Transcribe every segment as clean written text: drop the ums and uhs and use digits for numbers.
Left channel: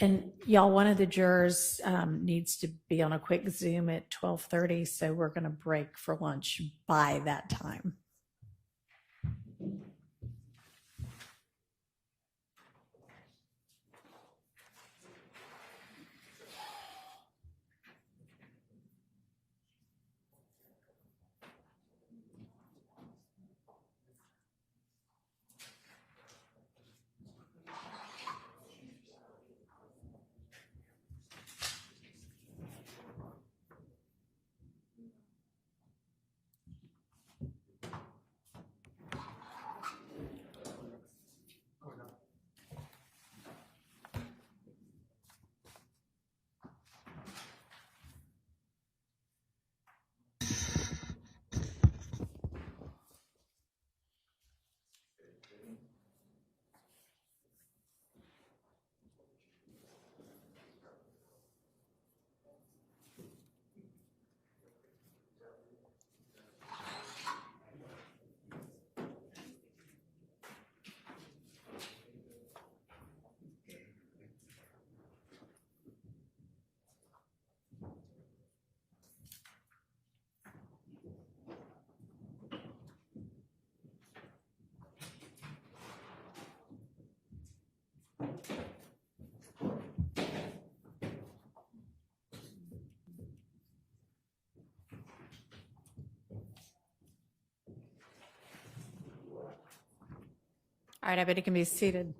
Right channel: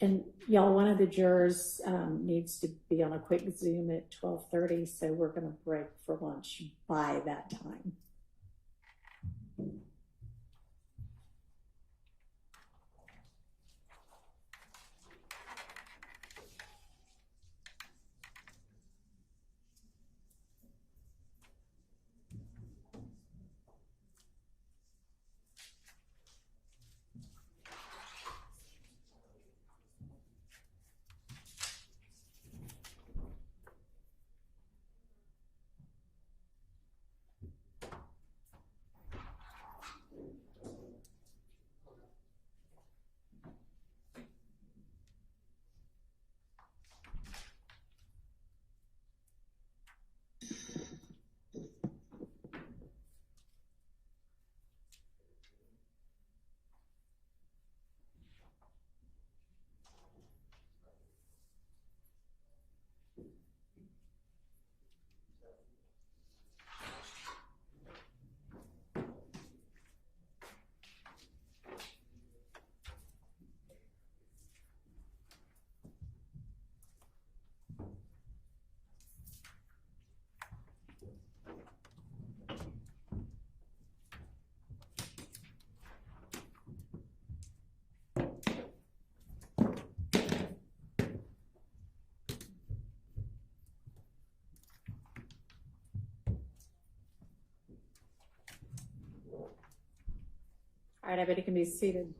And y'all, one of the jurors needs to be on a quick Zoom at 12:30, so we're going to break for lunch by that time. All right, everybody can be seated.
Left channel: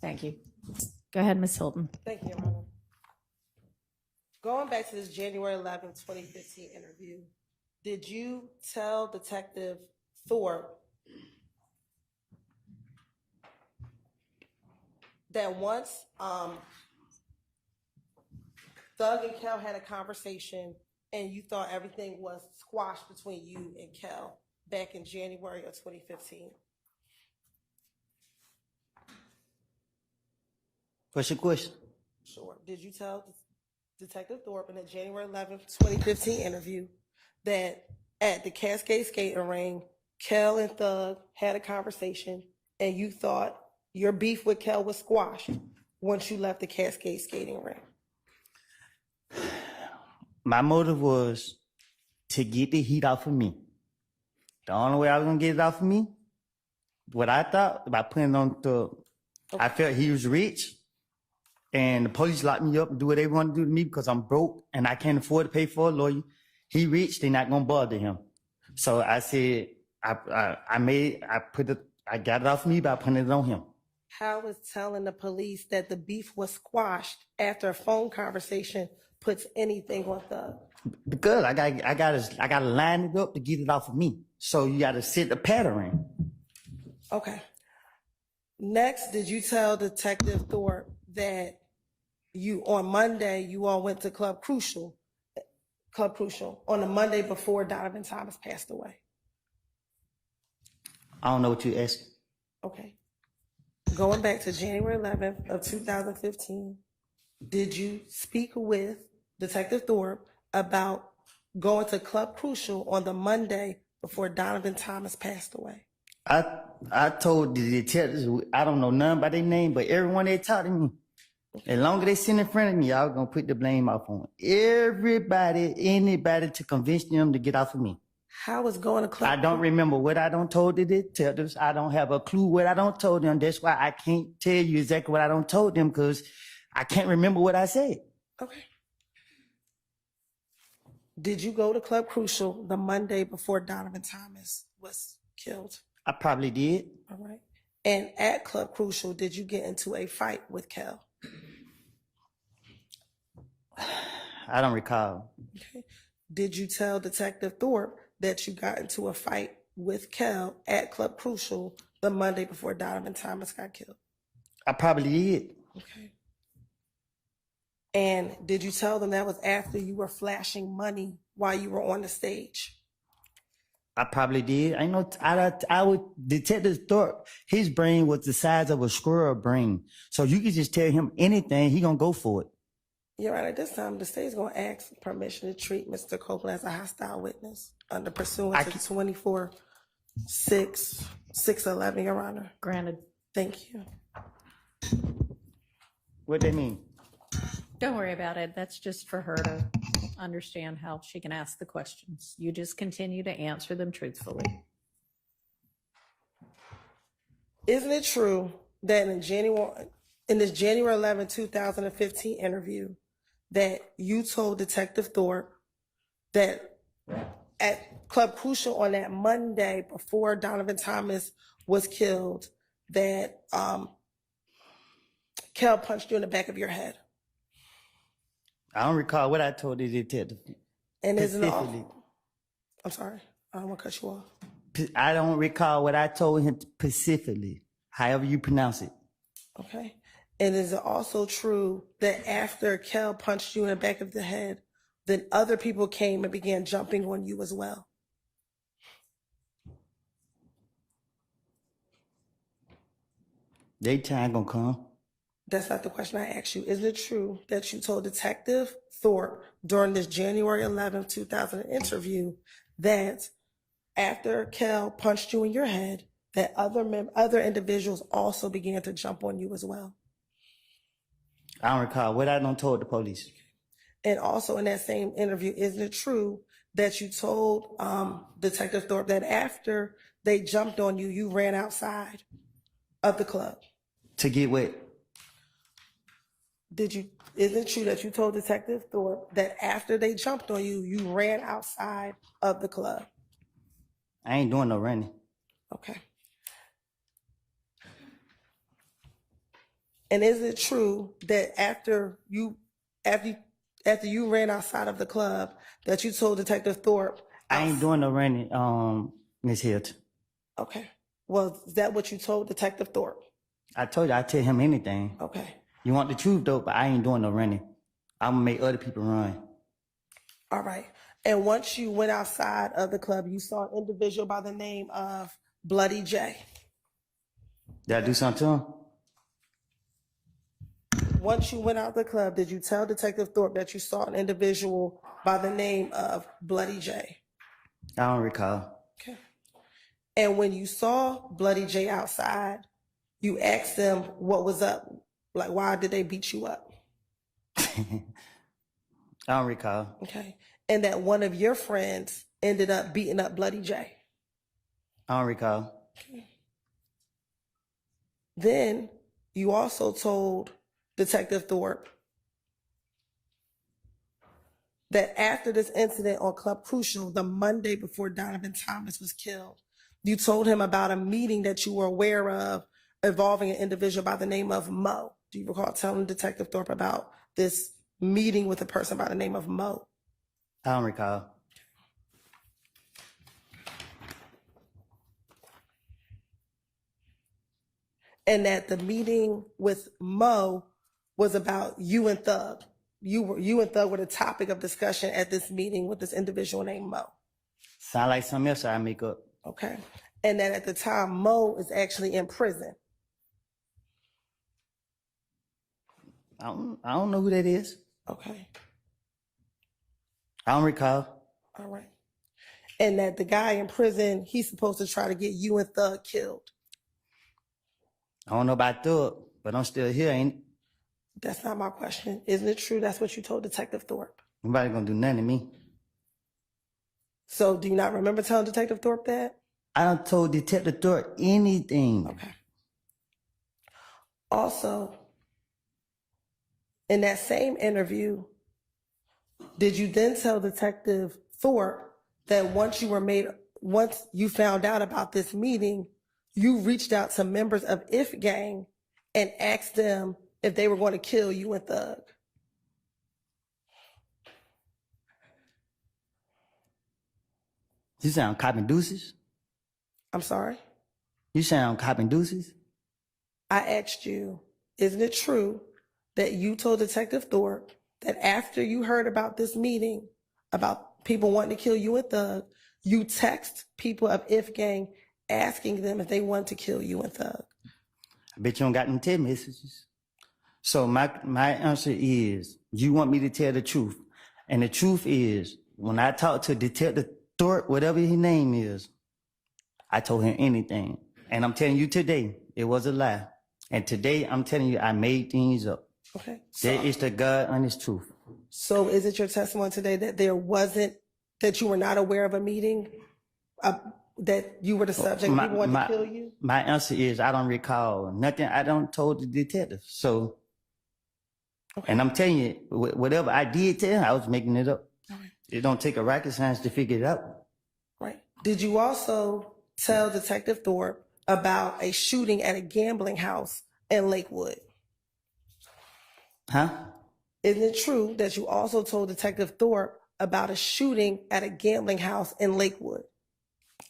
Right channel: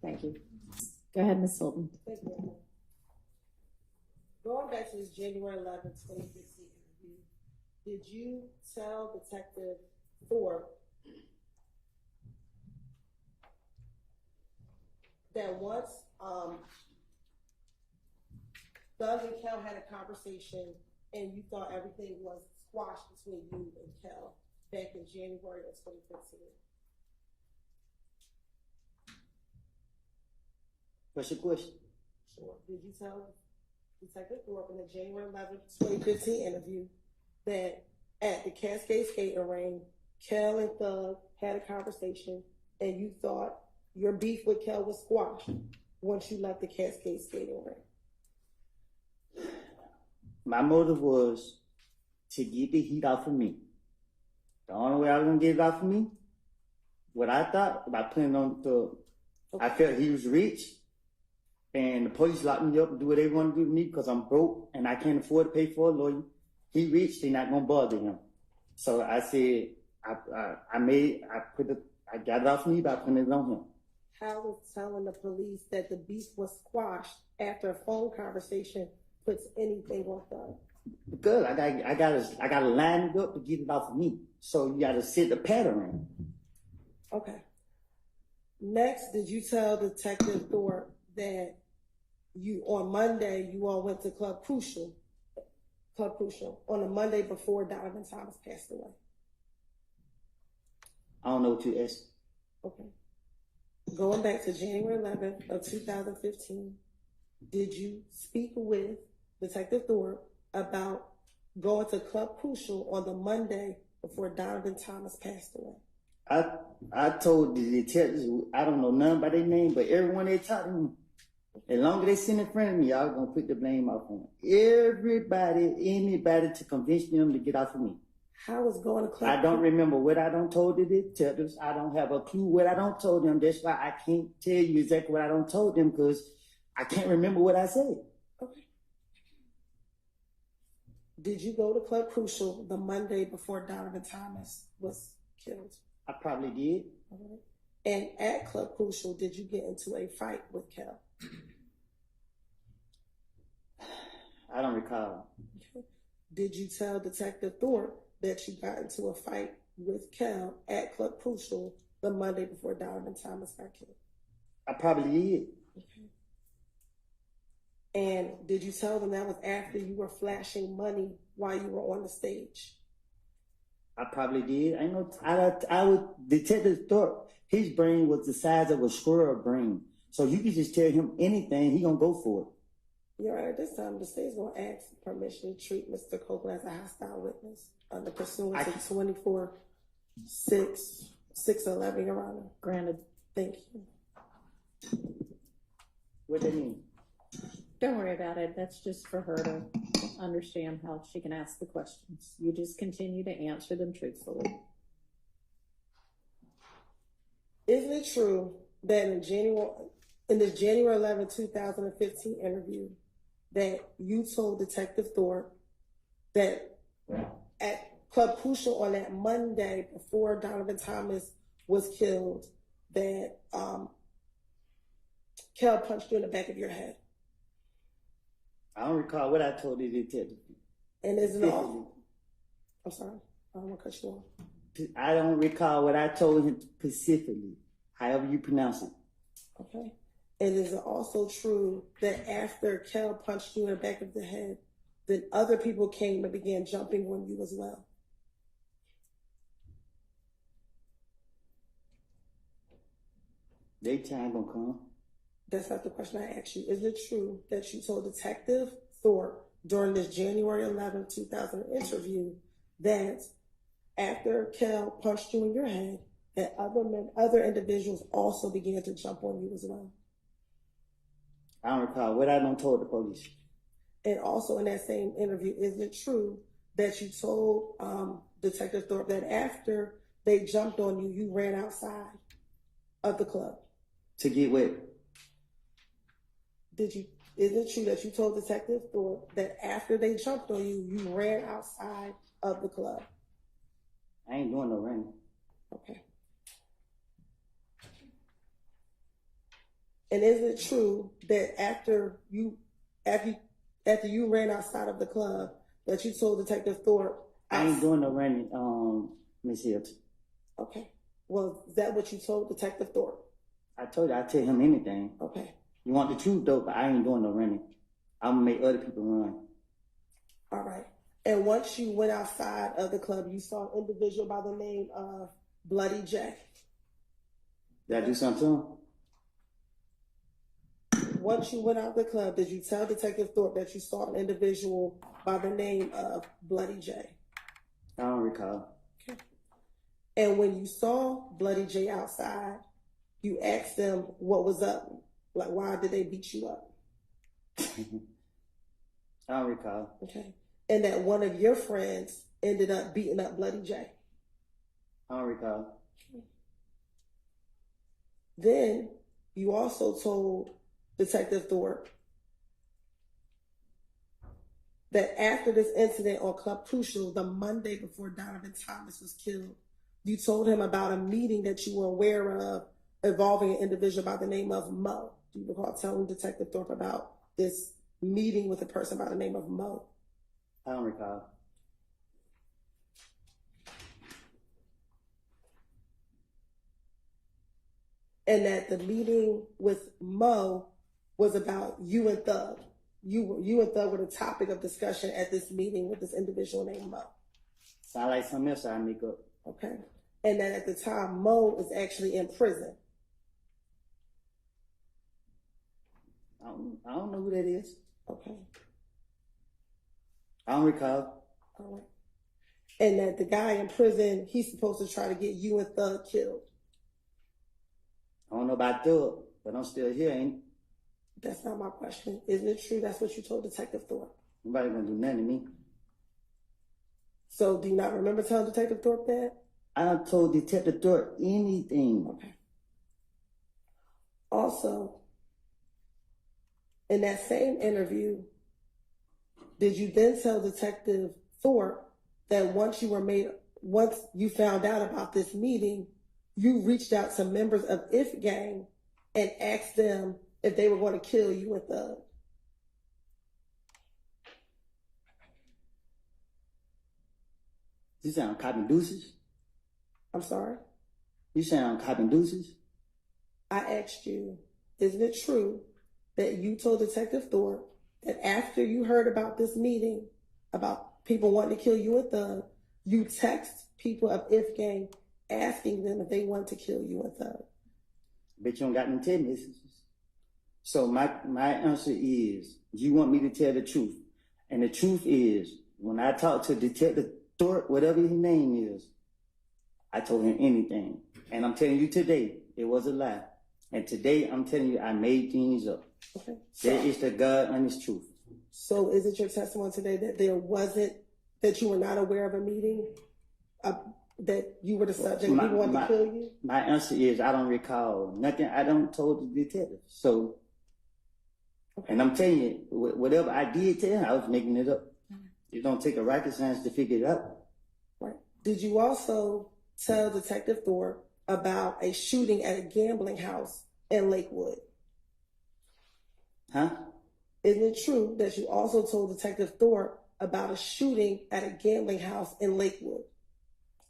Thank you. Go ahead, Ms. Hilton. Thank you, Your Honor. Going back to this January 11, 2015 interview, did you tell Detective Thorpe that once Thug and Kel had a conversation and you thought everything was squashed between you and Kel back in January of 2015? What's your question? Sure. Did you tell Detective Thorpe in the January 11th, 2015 interview that at the Cascade Skating Ring, Kel and Thug had a conversation and you thought your beef with Kel was squashed once you left the Cascade Skating Ring? My motive was to get the heat off of me. The only way I was gonna get it off of me, what I thought, by putting on Thug. Okay. I felt he was rich. And the police locked me up and do what they want to do to me because I'm broke and I can't afford to pay for a lawyer. He rich, they're not gonna bother him. So I said, I got it off me by putting it on him. How is telling the police that the beef was squashed after a phone conversation puts anything on Thug? Because I gotta line it up to get it off of me. So you gotta set the pattern. Okay. Next, did you tell Detective Thorpe that on Monday, you all went to Club Crucial on the Monday before Donovan Thomas passed away? I don't know what you're asking. Okay. Going back to January 11th of 2015, did you speak with Detective Thorpe about going to Club Crucial on the Monday before Donovan Thomas passed away? I told the detectives, I don't know none by their name, but everyone they talked to me, as long as they sit in front of me, I was gonna put the blame off on anybody to convince them to get off of me. How is going to Club? I don't remember what I don't told the detectives. I don't have a clue what I don't told them. That's why I can't tell you exactly what I don't told them because I can't remember what I said. Okay. Did you go to Club Crucial the Monday before Donovan Thomas was killed? I probably did. All right. And at Club Crucial, did you get into a fight with Kel? I don't recall. Okay. Did you tell Detective Thorpe that you got into a fight with Kel at Club Crucial the Monday before Donovan Thomas got killed? I probably did. Okay. And did you tell them that was after you were flashing money while you were on the stage? I probably did. I would Detective Thorpe, his brain was the size of a squirrel brain. So you could just tell him anything, he gonna go for it. You're right. At this time, the state's gonna ask permission to treat Mr. Copeland as a hostile witness under pursuant to 24-6-611, 611, Your Honor. Granted. Thank you. What that mean? Don't worry about it. That's just for her to understand how she can ask the questions. You just continue to answer them truthfully. Isn't it true that in this January 11, 2015 interview, that you told Detective Thorpe that at Club Crucial on that Monday before Donovan Thomas was killed, that Kel punched you in the back of your head? I don't recall what I told the detective. And is it all? Specifically. I'm sorry, I don't want to cut you off. I don't recall what I told him specifically, however you pronounce it. Okay. And is it also true that after Kel punched you in the back of the head, then other people came and began jumping on you as well? They time gonna come. That's not the question I asked you. Is it true that you told Detective Thorpe during this January 11, 2000 interview that after Kel punched you in your head, that other individuals also began to jump on you as well? I don't recall what I done told the police. And also in that same interview, isn't it true that you told Detective Thorpe that after they jumped on you, you ran outside of the club? To get what? Is it true that you told Detective Thorpe that after they jumped on you, you ran outside of the club? I ain't doing no running. Okay. And is it true that after you ran outside of the club, that you told Detective Thorpe? I ain't doing no running, Miss Hilton. Okay. Well, is that what you told Detective Thorpe? I told you I'd tell him anything. Okay. You want the truth though, but I ain't doing no running. I'm gonna make other people run. All right. And once you went outside of the club, you saw an individual by the name of Bloody J. Did I do something to him? Once you went out of the club, did you tell Detective Thorpe that you saw an individual by the name of Bloody J? I don't recall. Okay. And when you saw Bloody J outside, you asked them what was up. Like, why did they beat you up? I don't recall. Okay. And that one of your friends ended up beating up Bloody J. I don't recall. Okay. Then you also told Detective Thorpe that after this incident on Club Crucial, the Monday before Donovan Thomas was killed, you told him about a meeting that you were aware of involving an individual by the name of Mo. Do you recall telling Detective Thorpe about this meeting with a person by the name of Mo? I don't recall. And that the meeting with Mo was about you and Thug. You and Thug were the topic of discussion at this meeting with this individual named Mo. Sound like something else I make up. Okay. And that at the time, Mo is actually in prison. I don't know who that is. Okay. I don't recall. All right. And that the guy in prison, he's supposed to try to get you and Thug killed. I don't know about Thug, but I'm still here, ain't it? That's not my question. Isn't it true that's what you told Detective Thorpe? Nobody gonna do nothing to me. So do you not remember telling Detective Thorpe that? I done told Detective Thorpe anything. Okay. Also, in that same interview, did you then tell Detective Thorpe that once you found out about this meeting, you reached out to members of If Gang and asked them if they were going to kill you and Thug? You sound cop and deuces? I'm sorry? You sound cop and deuces? I asked you, isn't it true that you told Detective Thorpe that after you heard about this meeting, about people wanting to kill you and Thug, you text people of If Gang asking them if they wanted to kill you and Thug? I bet you don't got them text messages. So my answer is, you want me to tell the truth. And the truth is, when I talked to Detective Thorpe, whatever his name is, I told him anything. And I'm telling you today, it was a lie. And today, I'm telling you, I made things up. Okay. That is the God honest truth. So is it your testimony today that that you were not aware of a meeting, that you were the subject, people wanted to kill you? My answer is I don't recall nothing. I don't told the detective. So, Okay. and I'm telling you, whatever I did tell him, I was making it up. It don't take a rocket science to figure it out. Right. Did you also tell Detective Thorpe about a shooting at a gambling house in Lakewood? Huh? Isn't it true that you also told Detective Thorpe about a shooting at a gambling house in Lakewood?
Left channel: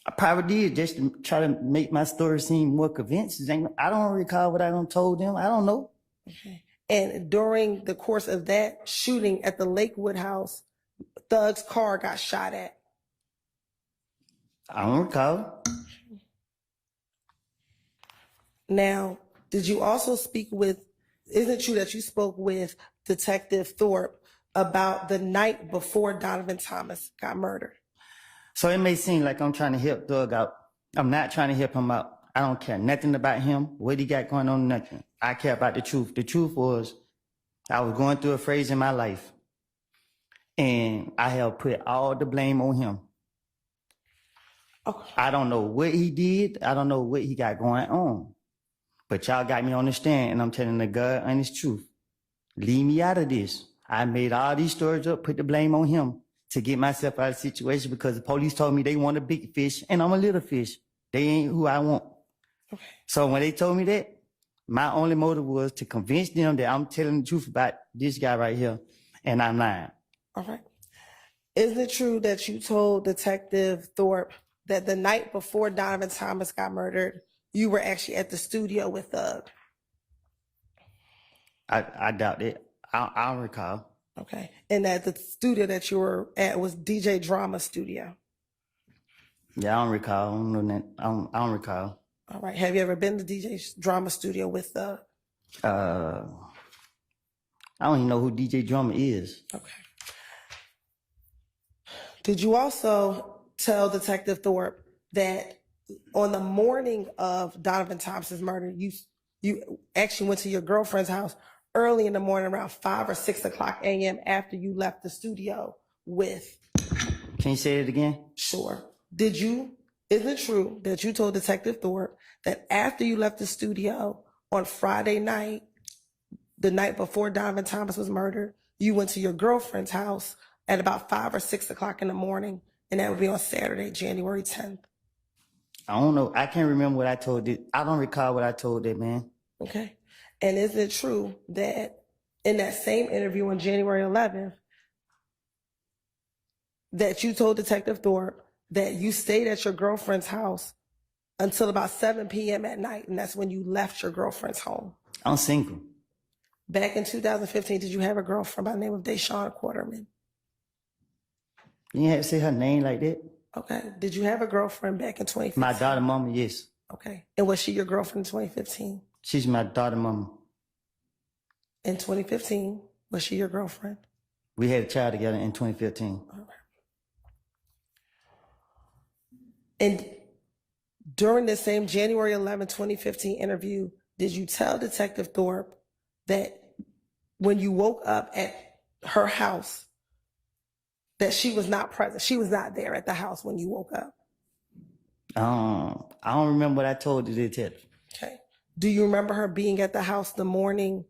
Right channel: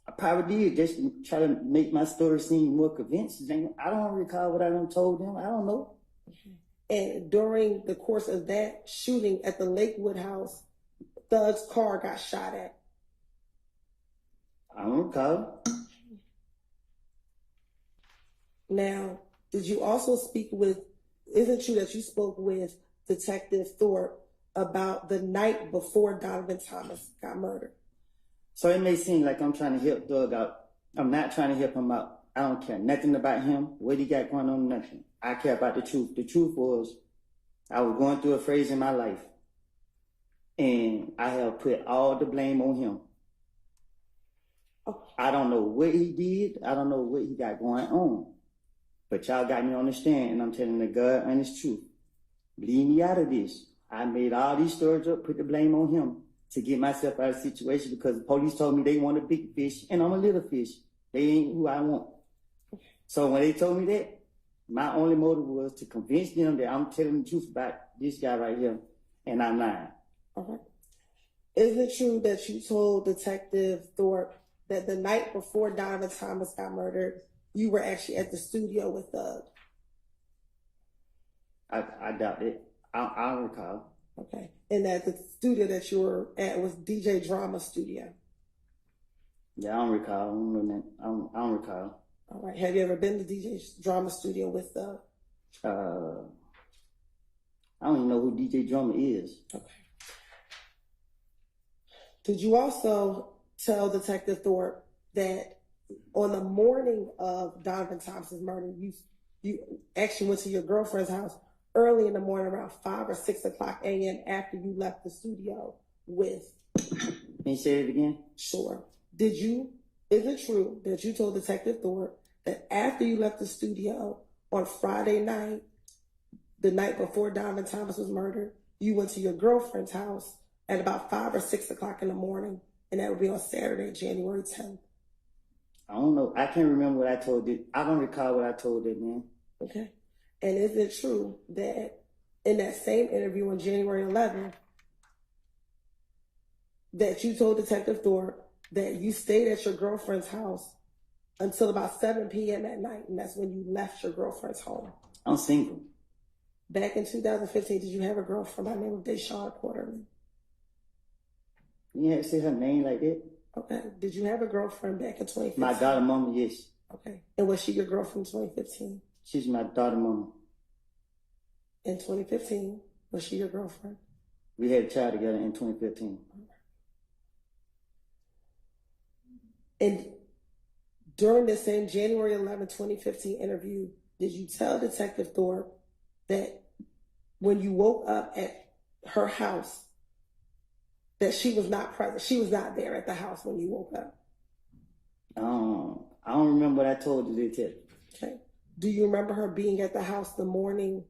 I probably did just to try to make my story seem more convincing. I don't recall what I done told them. I don't know. Okay. And during the course of that shooting at the Lakewood house, Thug's car got shot at. I don't recall. Now, did you also speak with, isn't it true that you spoke with Detective Thorpe about the night before Donovan Thomas got murdered? So it may seem like I'm trying to help Thug out. I'm not trying to help him out. I don't care nothing about him, what he got going on, nothing. I care about the truth. The truth was I was going through a phase in my life, and I have put all the blame on him. Okay. I don't know what he did. I don't know what he got going on. But y'all got me on the stand, and I'm telling the God honest truth. Leave me out of this. I made all these stories up, put the blame on him to get myself out of the situation because the police told me they want a big fish, and I'm a little fish. They ain't who I want. Okay. So when they told me that, my only motive was to convince them that I'm telling the truth about this guy right here, and I'm lying. All right. Is it true that you told Detective Thorpe that the night before Donovan Thomas got murdered, you were actually at the studio with Thug? I doubt it. I don't recall. Okay. And that the studio that you were at was DJ Drama Studio? Yeah, I don't recall. I don't know that. I don't recall. All right. Have you ever been to DJ Drama Studio with Thug? I don't even know who DJ Drummer is. Okay. Did you also tell Detective Thorpe that on the morning of Donovan Thomas's murder, you actually went to your girlfriend's house early in the morning, around 5 or 6 o'clock a.m. after you left the studio with? Can you say it again? Sure. Is it true that you told Detective Thorpe that after you left the studio on Friday night, the night before Donovan Thomas was murdered, you went to your girlfriend's house at about 5 or 6 o'clock in the morning, and that would be on Saturday, January 10th? I don't know. I can't remember what I told it. I don't recall what I told that man. Okay. And is it true that in that same interview on January 11th, that you told Detective Thorpe that you stayed at your girlfriend's house until about 7 p.m. at night, and that's when you left your girlfriend's home? I'm single. Back in 2015, did you have a girlfriend by the name of Deshawn Quarterman? You have to say her name like that? Okay. Did you have a girlfriend back in 2015? My daughter mama, yes. Okay. And was she your girlfriend in 2015? She's my daughter mama. In 2015, was she your girlfriend? We had a child together in 2015. All right. And during the same January 11, 2015 interview, did you tell Detective Thorpe that when you woke up at her house, that she was not present, she was not there at the house when you woke up? I don't remember what I told the detective. Okay. Do you remember her being at the house when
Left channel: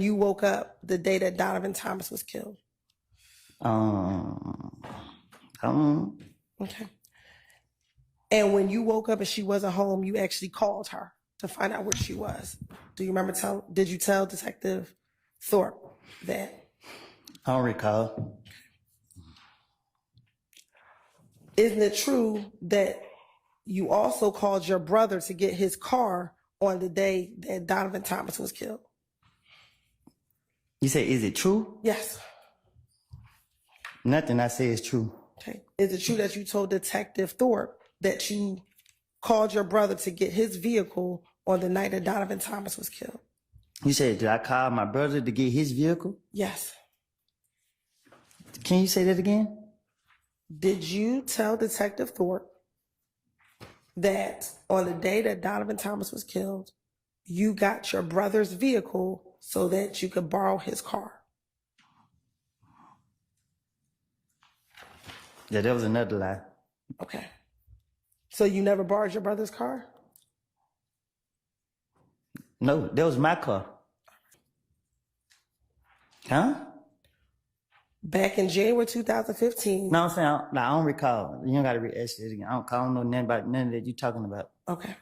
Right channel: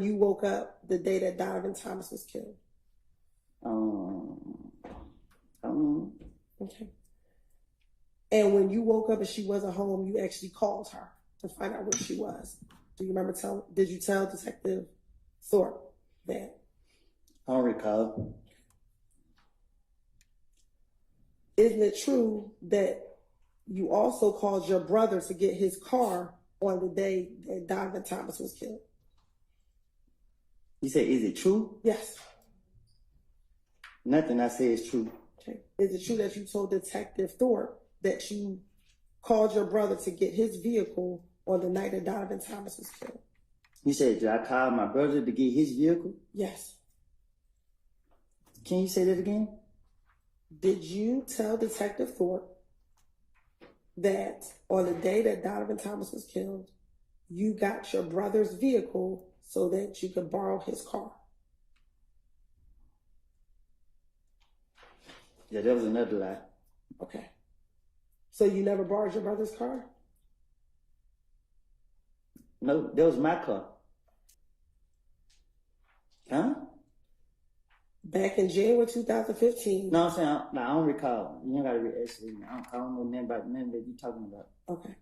you woke up the day that Donovan Thomas was killed? Okay. And when you woke up and she wasn't home, you actually called her to find out where she was. Do you remember did you tell Detective Thorpe that? I don't recall. Isn't it true that you also called your brother to get his car on the day that Donovan Thomas was killed? You say, is it true? Yes. Nothing I say is true. Okay. Is it true that you told Detective Thorpe that you called your brother to get his vehicle on the night that Donovan Thomas was killed? You said, did I call my brother to get his vehicle? Yes. Can you say that again? Did you tell Detective Thorpe that on the day that Donovan Thomas was killed, you got your brother's vehicle so that you could borrow his car? Yeah, that was another lie. Okay. So you never borrowed your brother's car? No, that was my car. Huh? Back in January 2015. No, I'm saying, I don't recall. You don't got to re-ask it again. I don't know nothing about none of that you talking about. Okay.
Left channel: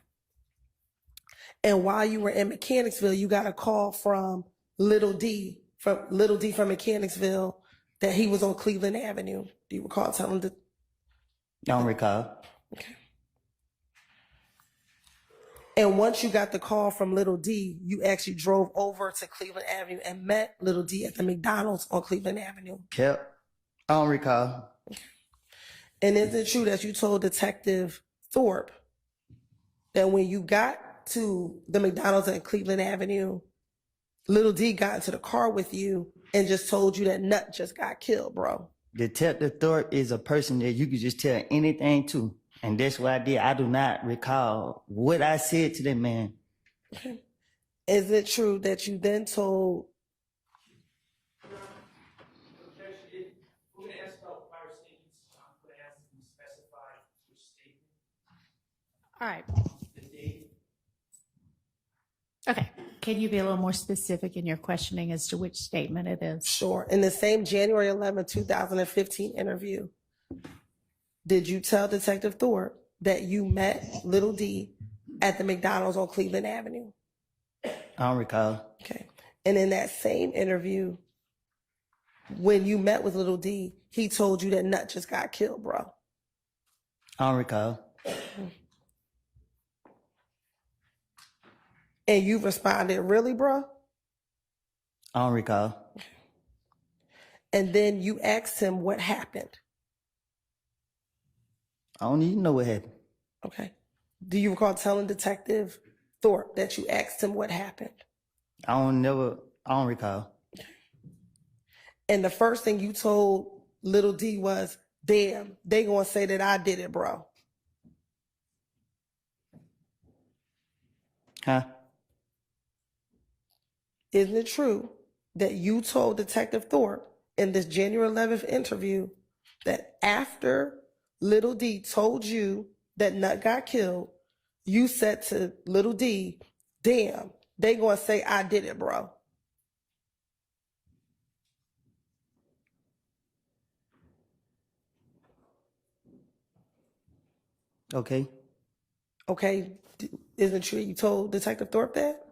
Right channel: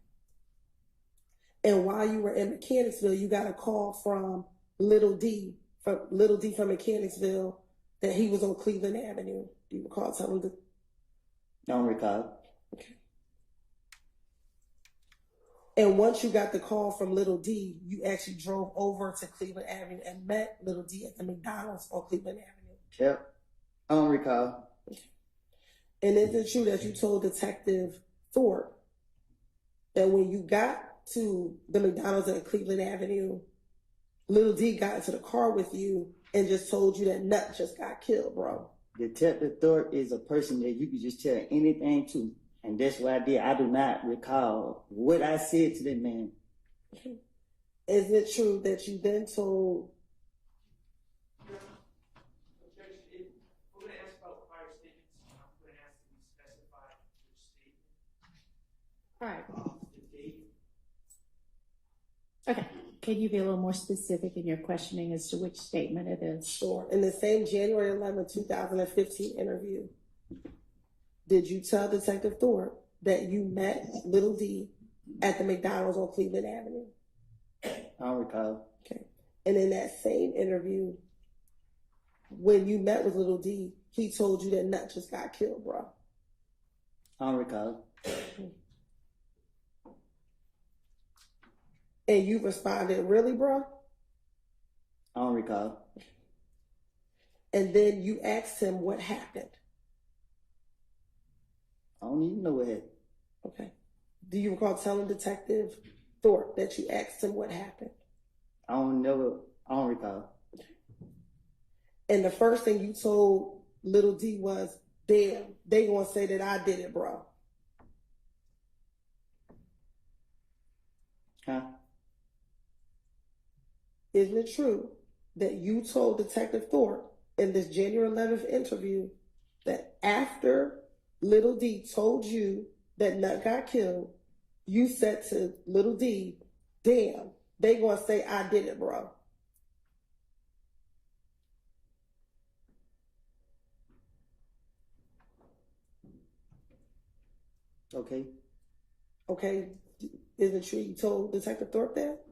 And while you were in Mechanicsville, you got a call from Little D from Mechanicsville that he was on Cleveland Avenue. Do you recall telling the? I don't recall. Okay. And once you got the call from Little D, you actually drove over to Cleveland Avenue and met Little D at the McDonald's on Cleveland Avenue. Yep. I don't recall. And is it true that you told Detective Thorpe that when you got to the McDonald's at Cleveland Avenue, Little D got into the car with you and just told you that Nut just got killed, bro? Detective Thorpe is a person that you could just tell anything to. And that's what I did. I do not recall what I said to that man. Okay. Is it true that you then told? All right. Okay. Can you be a little more specific in your questioning as to which statement it is? Sure. In the same January 11, 2015 interview, did you tell Detective Thorpe that you met Little D at the McDonald's on Cleveland Avenue? I don't recall. Okay. And in that same interview, when you met with Little D, he told you that Nut just got killed, bro? I don't recall. And you responded, really, bro? I don't recall. And then you asked him what happened. I don't even know what happened. Okay. Do you recall telling Detective Thorpe that you asked him what happened? I don't recall. And the first thing you told Little D was, damn, they gonna say that I did it, bro. Huh? Isn't it true that you told Detective Thorpe in this January 11th interview that after Little D told you that Nut got killed, you said to Little D, damn, they gonna say I did it, bro? Okay. Okay. Isn't it true you told Detective Thorpe that?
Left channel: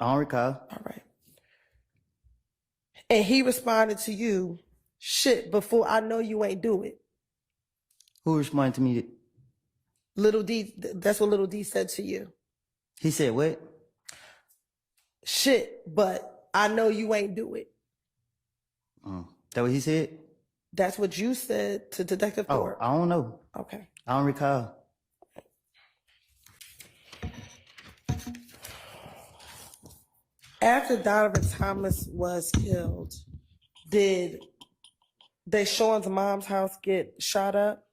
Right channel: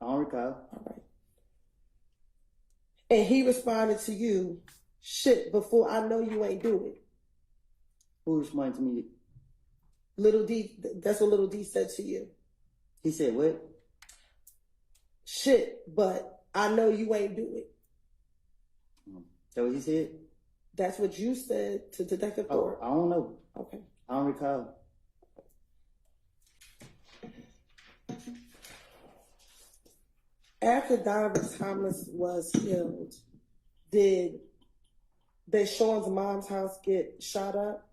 I don't recall. All right. And he responded to you, shit, before I know you ain't do it. Who responded to me? Little D, that's what Little D said to you. He said what? Shit, but I know you ain't do it. That what he said? That's what you said to Detective Thorpe. I don't know. Okay. I don't recall. After Donovan Thomas was killed, did Deshaun's mom's house get shot up?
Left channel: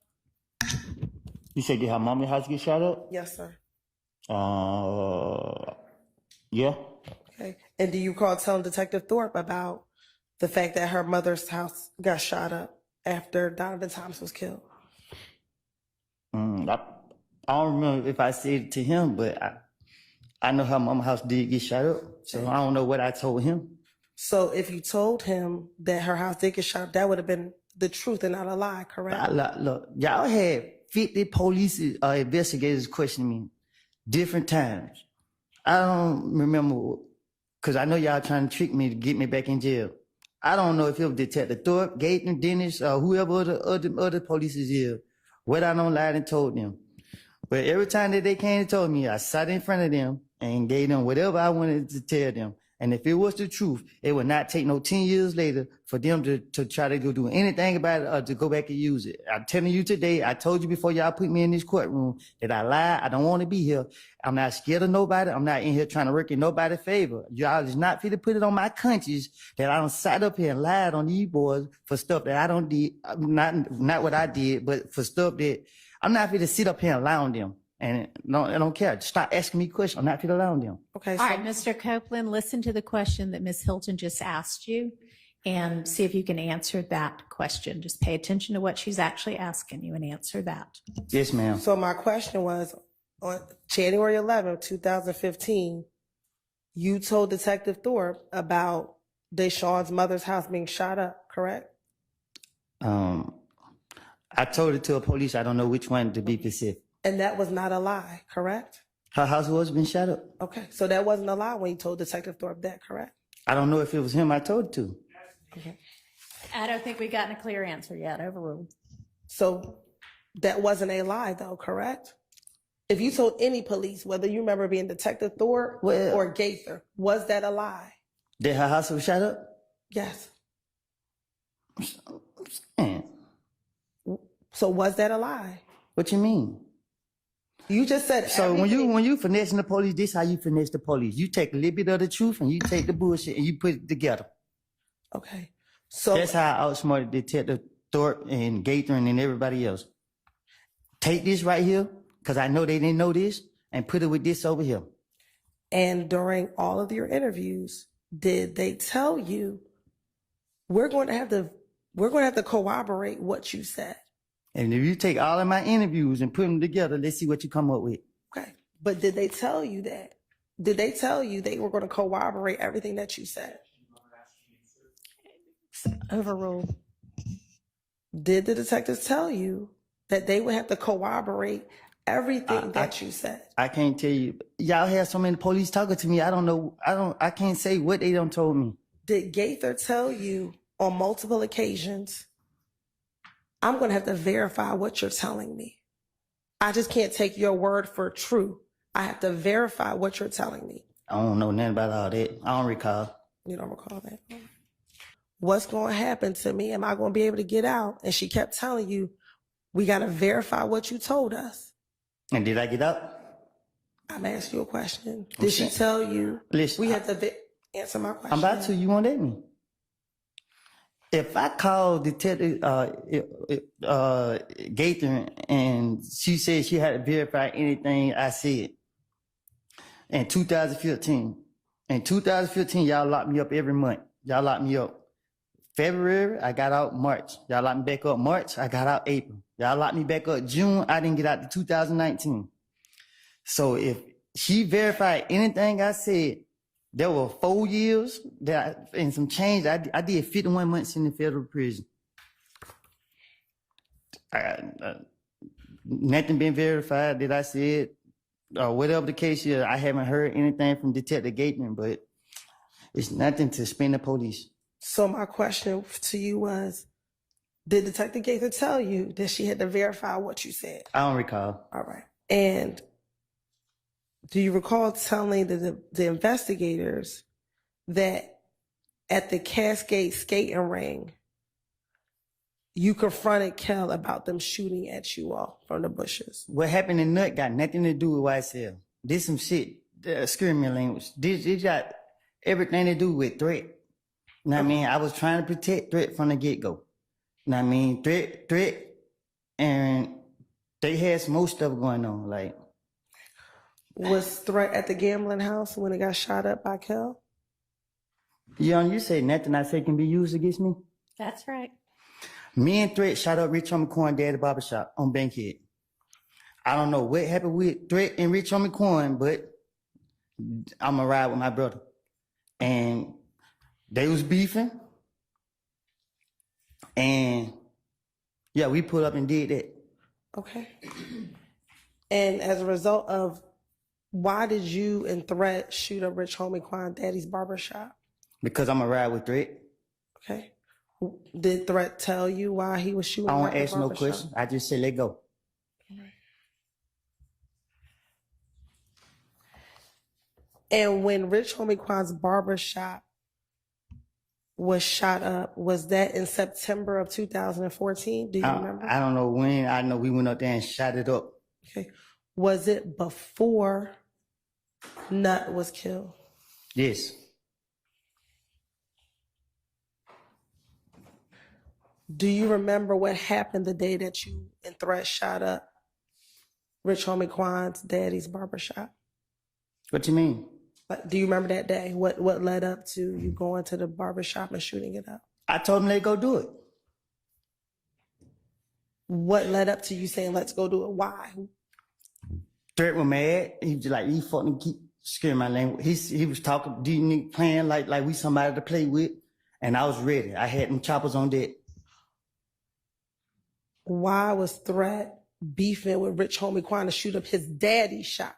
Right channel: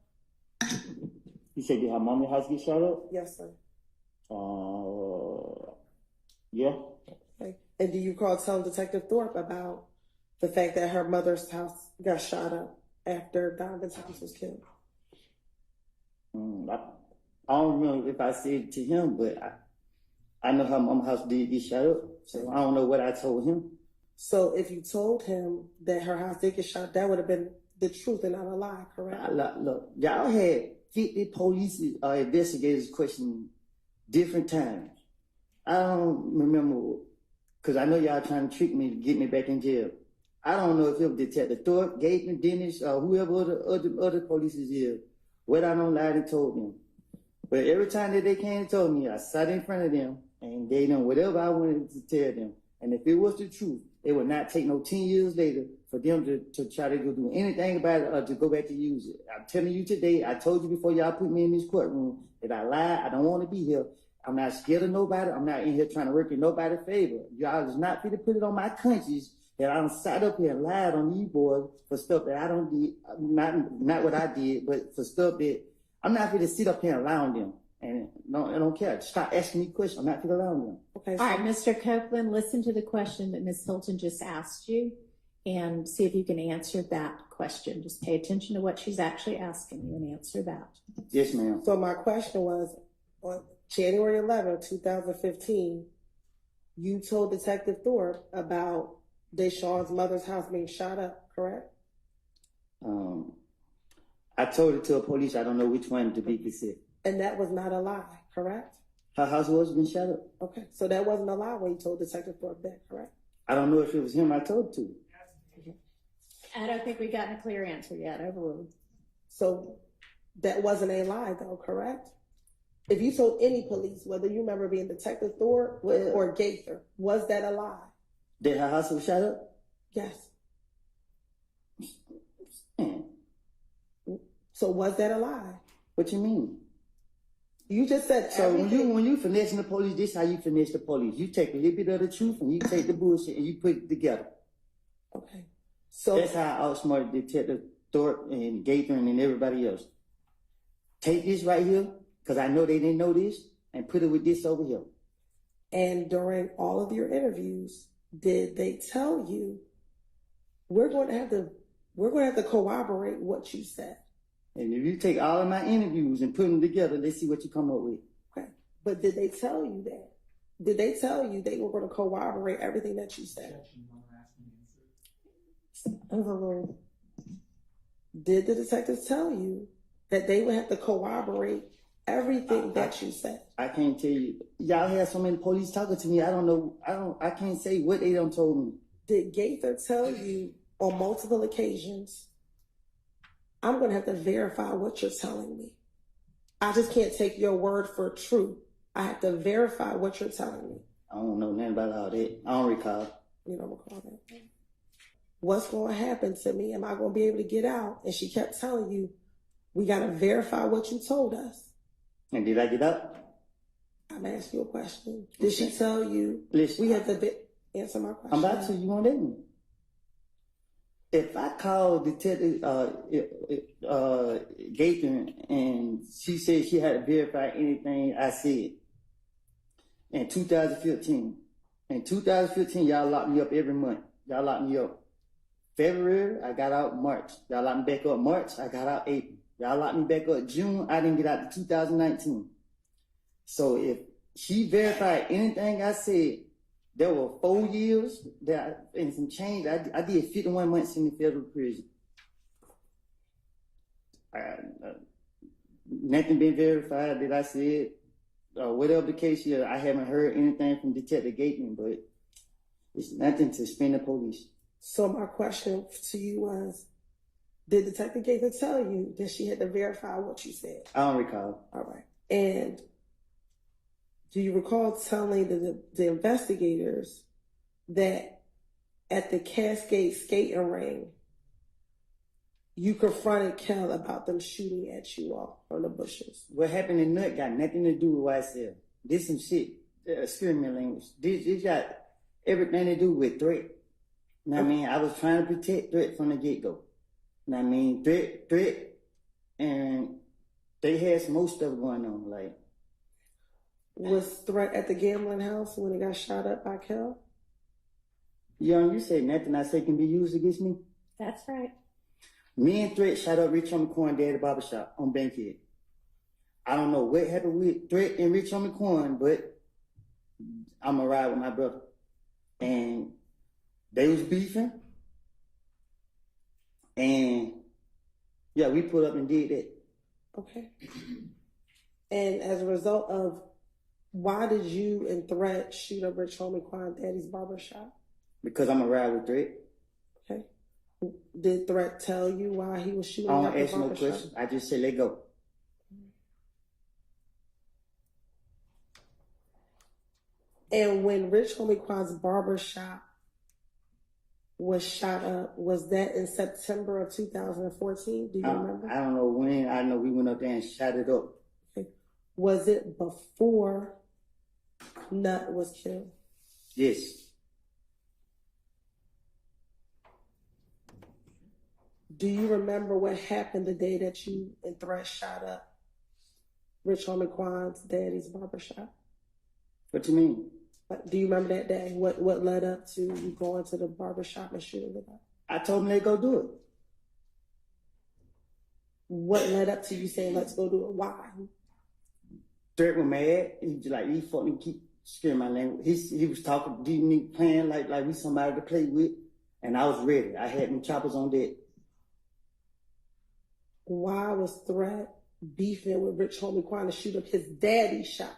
You said did her mommy's house get shot up? Yes, sir. Yeah. Okay. And do you recall telling Detective Thorpe about the fact that her mother's house got shot up after Donovan Thomas was killed? I don't remember if I said it to him, but I know her mama's house did get shot up, so I don't know what I told him. So if you told him that her house did get shot up, that would have been the truth and not a lie, correct? Look, y'all had 50 police investigators questioning me different times. I don't remember, because I know y'all trying to trick me to get me back in jail. I don't know if it was Detective Thorpe, Gaten, Dennis, or whoever other police is here. What I don't lie and told them. But every time that they came and told me, I sat in front of them and gave them whatever I wanted to tell them. And if it was the truth, it would not take no 10 years later for them to try to go do anything about it or to go back and use it. I'm telling you today, I told you before y'all put me in this courtroom that I lied. I don't want to be here. I'm not scared of nobody. I'm not in here trying to work in nobody's favor. Y'all is not fit to put it on my conscience that I don't sat up here and lied on these boys for stuff that I don't did. Not what I did, but for stuff that I'm not fit to sit up here and lie on them. And no, I don't care. Stop asking me questions. I'm not going to allow them. Okay, All so right, Mr. Copeland, listen to the question that Ms. Hilton just asked you and see if you can answer that question. Just pay attention to what she's actually asking you and answer that. Yes, ma'am. so my question was, on January 11th, 2015, you told Detective Thorpe about Deshaun's mother's house being shot up, correct? I told it to a police. I don't know which one to be specific. And that was not a lie, correct? Her house was been shot up. Okay, so that wasn't a lie when you told Detective Thorpe that, correct? I don't know if it was him I told it to. I don't think we've gotten a clear answer yet. Overruled. So that wasn't a lie, though, correct? If you told any police, whether you remember being Detective Thorpe Well- or Gaither, was that a lie? That her house was shot up? Yes. Man, So was that a lie? what you mean? You just said So everything- when you finessing the police, this how you finesse the police. You take a little bit of the truth and you take the bullshit and you put it together. Okay. So That's how I outsmarted Detective Thorpe and Gaither and everybody else. Take this right here, because I know they didn't know this, and put it with this over here. and during all of your interviews, did they tell you we're going to have to corroborate what you said? And if you take all of my interviews and put them together, let's see what you come up with. Okay. But did they tell you that? Did they tell you they were going to corroborate everything that you said? Overruled. Did the detectives tell you that they would have to corroborate everything that you said? I can't tell you. Y'all have so many police talking to me. I can't say what they done told me. Did Gaither tell you on multiple occasions, I'm going to have to verify what you're telling me? I just can't take your word for true. I have to verify what you're telling me. I don't know nothing about all that. I don't recall. You don't recall that? What's going to happen to me? Am I going to be able to get out? And she kept telling you, we got to verify what you told us. And did I get up? I'm asking you a question. Did she tell you? Listen, We have to answer my question. I'm about to. You won't let me. If I call Detective Gaither and she said she had to verify anything I said in 2015. In 2015, y'all locked me up every month. Y'all locked me up. February, I got out March. Y'all locked me back up March. I got out April. Y'all locked me back up June. I didn't get out to 2019. So if she verified anything I said, there were 4 years and some change. I did 51 months in the federal prison. Nothing been verified that I said, or whatever the case is. I haven't heard anything from Detective Gateman, but it's nothing to spin the police. So my question to you was, did Detective Gaither tell you that she had to verify what you said? I don't recall. All right. And do you recall telling the investigators that at the Cascade skating ring, you confronted Kel about them shooting at you all from the bushes? What happened in Nut got nothing to do with YSL. This some shit, excuse me language. This got everything to do with threat. You know what I mean? I was trying to protect threat from the get-go. You know what I mean? Threat, and they had some more stuff going on. Like, Was Threat at the gambling house when it got shot up by Kel? you say nothing I say can be used against me? That's right. Me and Threat shot up Rich Homie Quan Daddy Barbershop on Bankhead. I don't know what happened with Threat and Rich Homie Quan, but I'm going to ride with my brother. And they was beefing. And yeah, we put up and did that. Okay. And as a result of, why did you and Threat shoot up Rich Homie Quan Daddy's barbershop? Because I'm going to ride with Threat. Okay. Did Threat tell you why he was shooting I up don't the ask no barbershop? question. I just say let go. And when Rich Homie Quan's barbershop was shot up, was that in September of 2014? Do you remember? I don't know when. I know we went up there and shot it up. Okay. Was it before Nut was killed? Yes. Do you remember what happened the day that you and Threat shot up Rich Homie Quan's daddy's barbershop? What you mean? Like, do you remember that day? What led up to you going to the barbershop and shooting it up? I told him they go do it. What led up to you saying, let's go do it? Why? Threat was mad. He was like, he fucking keep scaring my language. He was talking, do you need playing like we somebody to play with? And I was ready. I had them choppers on deck. Why was Threat beefing with Rich Homie Quan to shoot up his daddy's shop?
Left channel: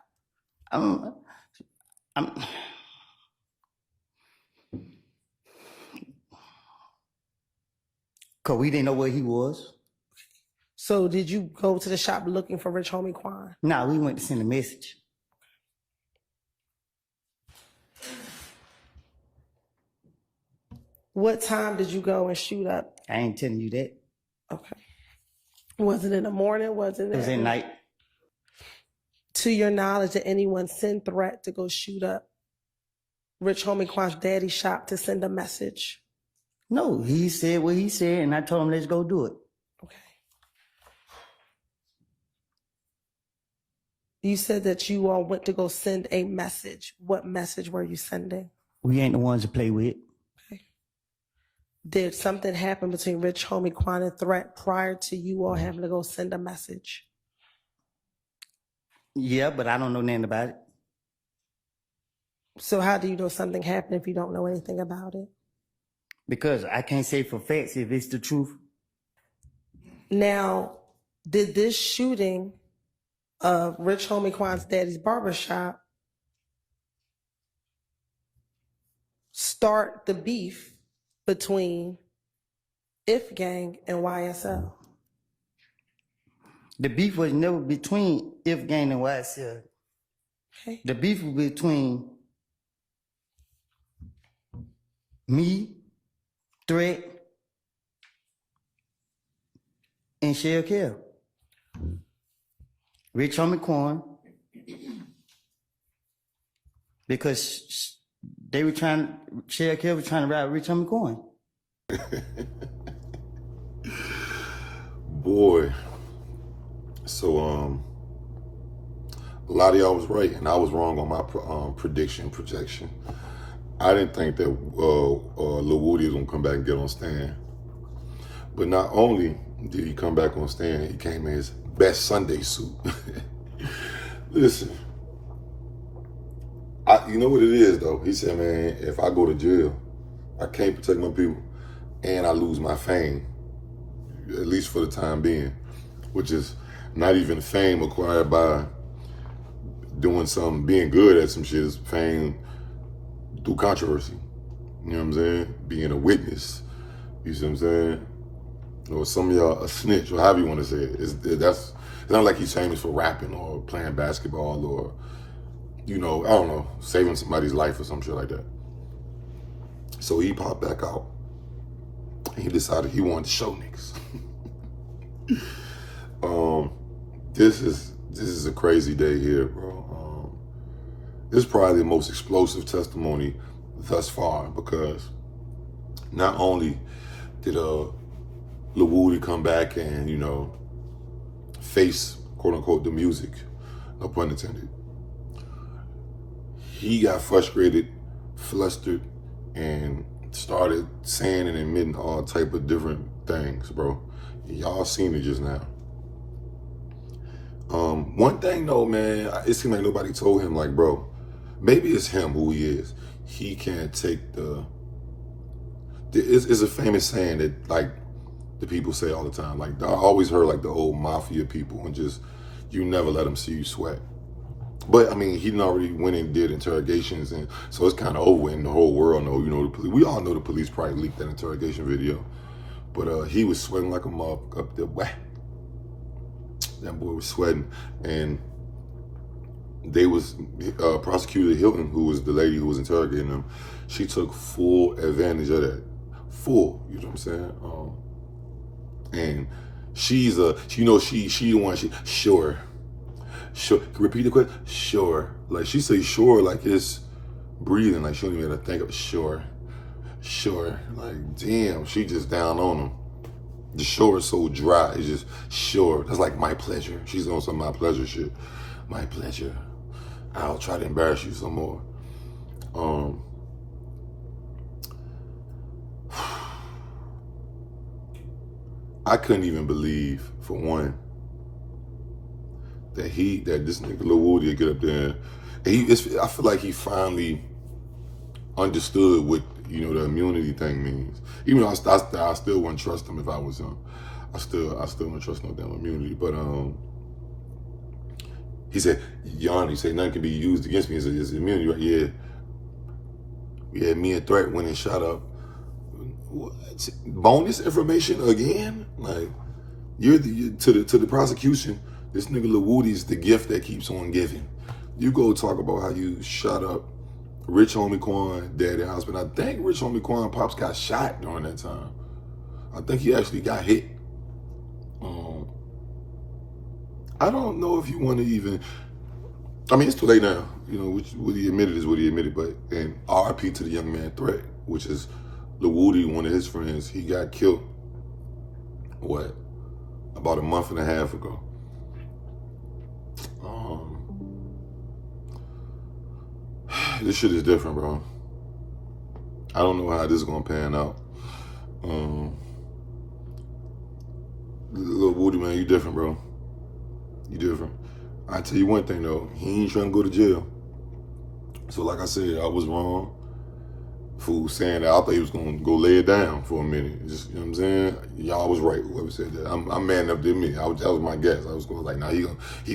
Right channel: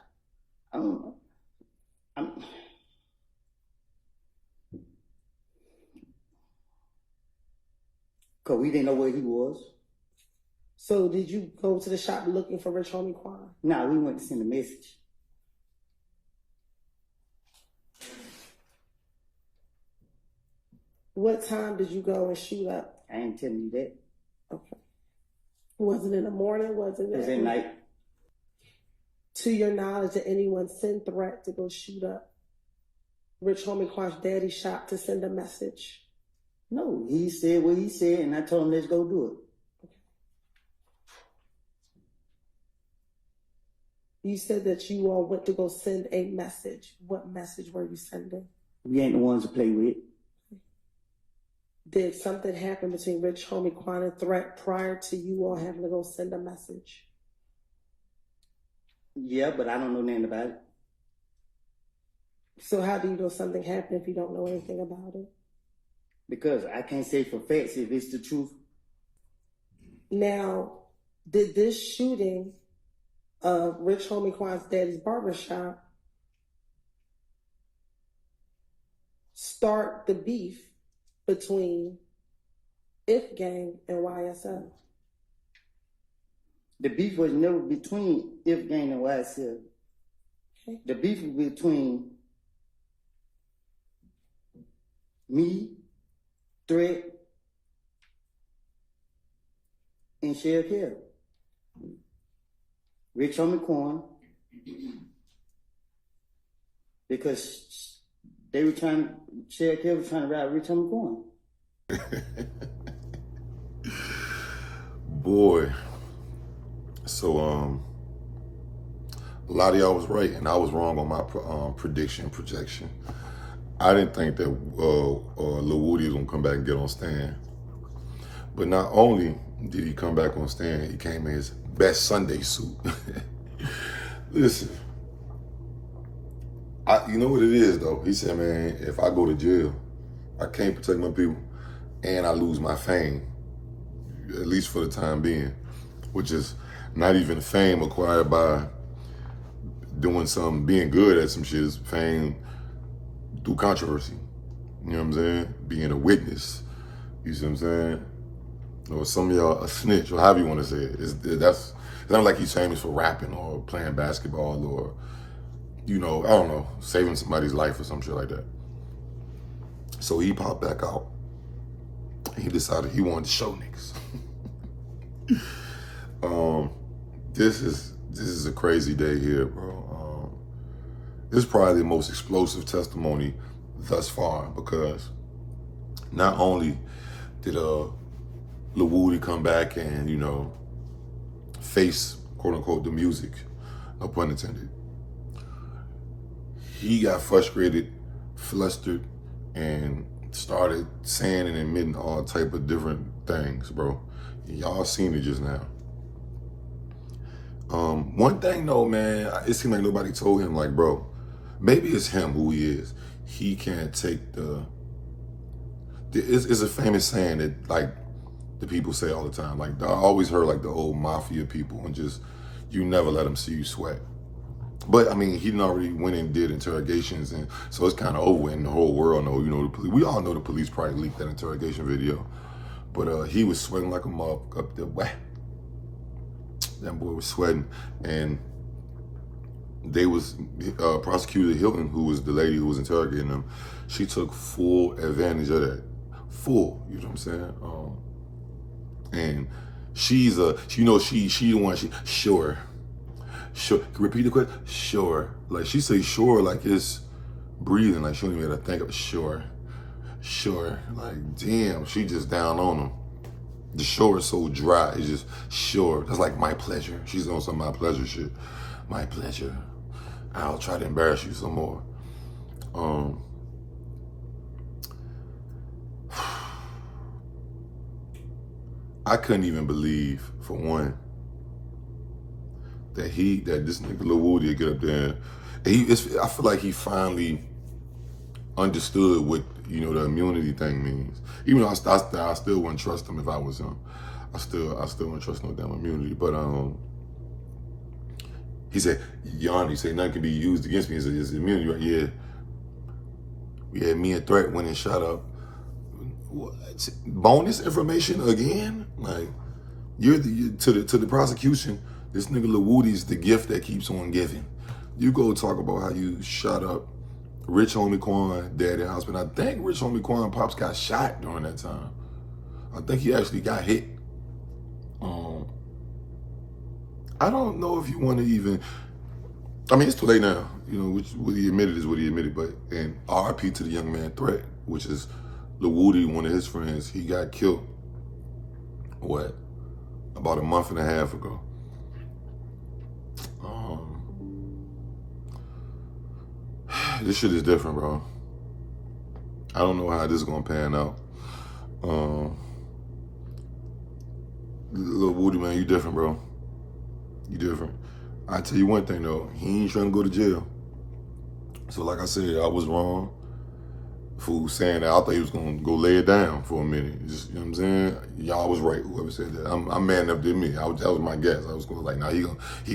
Cause we didn't know where he was. So did you go to the shop looking for Rich Homie Quan? Nah, we went to send a message. What time did you go and shoot up? I ain't telling you that. Okay. Was it in the morning? It was at night. To your knowledge, did anyone send Threat to go shoot up Rich Homie Quan's daddy's shop to send a message? No, he said what he said, and I told him, let's go do it. Okay. You said that you all went to go send a message. What message were you sending? We ain't the ones to play with. Okay. Did something happen between Rich Homie Quan and Threat prior to you all having to go send a message? Yeah, but I don't know nothing about it. So how do you know something happened if you don't know anything about it? Because I can't say for facts if it's the truth. Now, did this shooting of Rich Homie Quan's daddy's barbershop start the beef between If Gang and YSL? The beef was never between If Gang and YSL. Okay. The beef was between me, Threat, and Shell Kell. Rich Homie Quan. Because they were trying, Shell Kell was trying to ride Rich Homie Quan. Boy. So, a lot of y'all was right, and I was wrong on my projection. I didn't think that Lil Woody was gonna come back and get on stand. But not only did he come back on stand, he came in his best Sunday suit. Listen, you know what it is though? He said, man, if I go to jail, I can't protect my people, and I lose my fame, at least for the time being, which is not even fame acquired by doing something, being good at some shit. Is fame through controversy. You know what I'm saying? Being a witness. You see what I'm saying? Or some of y'all a snitch, or however you want to say it. It's not like he's famous for rapping or playing basketball or, you know, I don't know, saving somebody's life or some shit like that. So he popped back out. And he decided he wanted to show niggas. This is a crazy day here, bro. This is probably the most explosive testimony thus far, because not only did Lil Woody come back and, you know, face, quote unquote, the music, no pun intended. He got frustrated, flustered, and started saying and admitting all type of different things, bro. Y'all seen it just now. One thing though, man, it seemed like nobody told him, like, bro, maybe it's him who he is. He can't take it's a famous saying that, like, the people say all the time. Like, I always heard, like, the old mafia people, and just, you never let them see you sweat. But, I mean, he done already went and did interrogations, and so it's kind of over, and the whole world know, you know, the police. We all know the police probably leaked that interrogation video. But he was sweating like a motherfucker up there. Wah. That boy was sweating, and they was, Prosecutor Hilton, who was the lady who was interrogating him, she took full advantage of that. Full, you know what I'm saying? And she's you know, she the one, sure. Repeat the question, sure. Like, she say sure like it's breathing, like she don't even have to think of it. Sure. Like, damn, she just down on him. The shore is so dry. It's just shore. That's like my pleasure. She's on some my pleasure shit. My pleasure. I'll try to embarrass you some more. I couldn't even believe, for one, that this nigga Lil Woody would get up there. I feel like he finally understood what, the immunity thing means. Even though I still wouldn't trust him if I was him. I still wouldn't trust no damn immunity. But he said, he said nothing can be used against me. He said, it's immunity, right? Yeah. Yeah, me and Threat went and shot up. What? Bonus information again? Like, to the prosecution, this nigga Lil Woody's the gift that keeps on giving. You go talk about how you shot up Rich Homie Quan, Daddy Husband. I think Rich Homie Quan Pops got shot during that time. I think he actually got hit. I don't know if you want to even. I mean, it's too late now. What he admitted is what he admitted. But and RIP to the young man Threat, which is Lil Woody, one of his friends. He got killed. What? About a month and a half ago. This shit is different, bro. I don't know how this is gonna pan out. Lil Woody, man, you different, bro. You different. I tell you one thing though, he ain't trying to go to jail. So like I said, I was wrong for saying that. I thought he was gonna go lay it down for a minute. Just, you know what I'm saying? Y'all was right, whoever said that. I'm man up to admit. That was my guess. I was going like, nah, he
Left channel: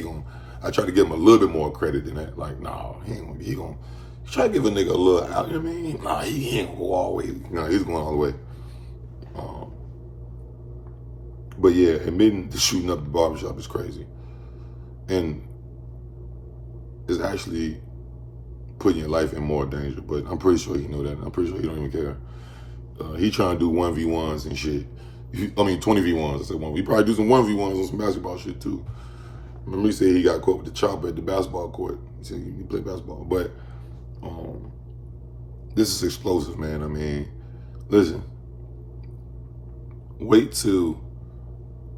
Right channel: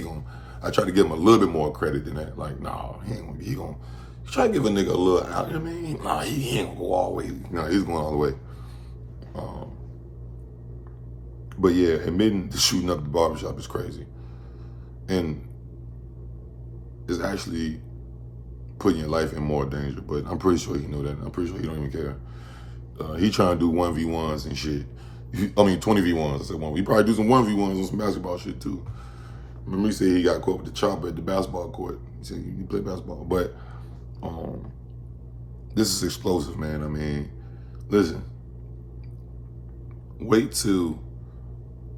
gonna. I tried to give him a little bit more credit than that. Like, nah, he gonna try to give a nigga a little out. You know what I mean? Nah, he ain't gonna go all the way. No, he's going all the way. But yeah, admitting to shooting up the barbershop is crazy. And it's actually putting your life in more danger. But I'm pretty sure he know that. I'm pretty sure he don't even care. He trying to do 1v1s and shit. 20 v1s. I said one. He probably do some 1v1s on some basketball shit too. Remember he said he got caught with the chopper at the basketball court. He said he played basketball. But this is explosive, man. I mean, listen. Wait till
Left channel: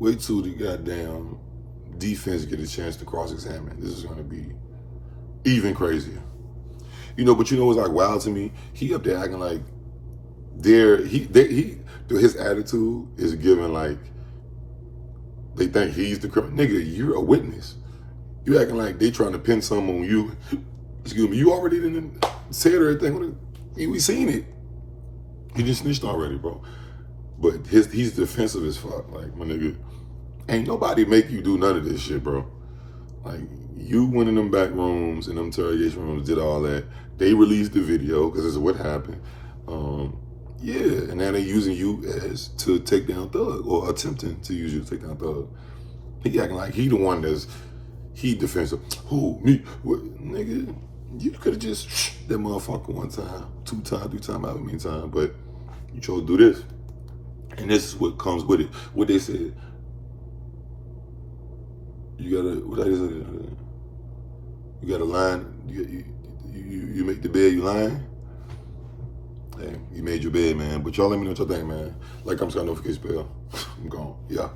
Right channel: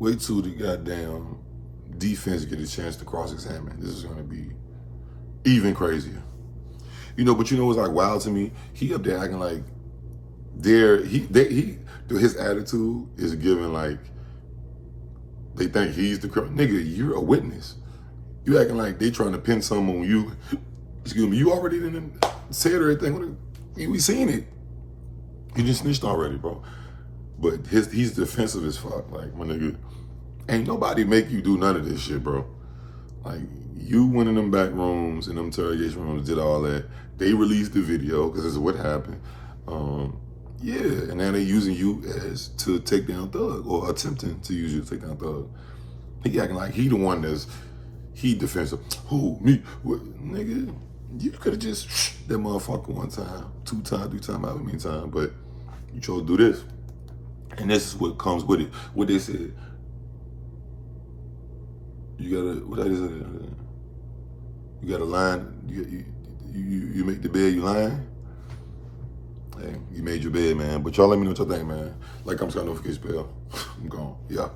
the goddamn defense get a chance to cross-examine. This is going to be even crazier. But what's like wild to me? He up there acting like his attitude is given like they think he's the criminal. Nigga, you're a witness. You acting like they trying to pin something on you. Excuse me, you already didn't say everything. We seen it. He just snitched already, bro. But he's defensive as fuck. Like, my nigga, ain't nobody make you do none of this shit, bro. Like, you went in them back rooms and them interrogation rooms, did all that. They released the video because this is what happened. Yeah, and now they using you as to take down Thug, or attempting to use you to take down Thug. He acting like he the one he defensive. Who, me? What? Nigga, you could have just that motherfucker one time, 2 times, 3 times, however many times, but you chose to do this. And this is what comes with it. What they said. You gotta line. You make the bed, you lying. Hey, you made your bed, man. But y'all let me know what y'all think, man. Like, I'm got notification bell. I'm gone. Yeah.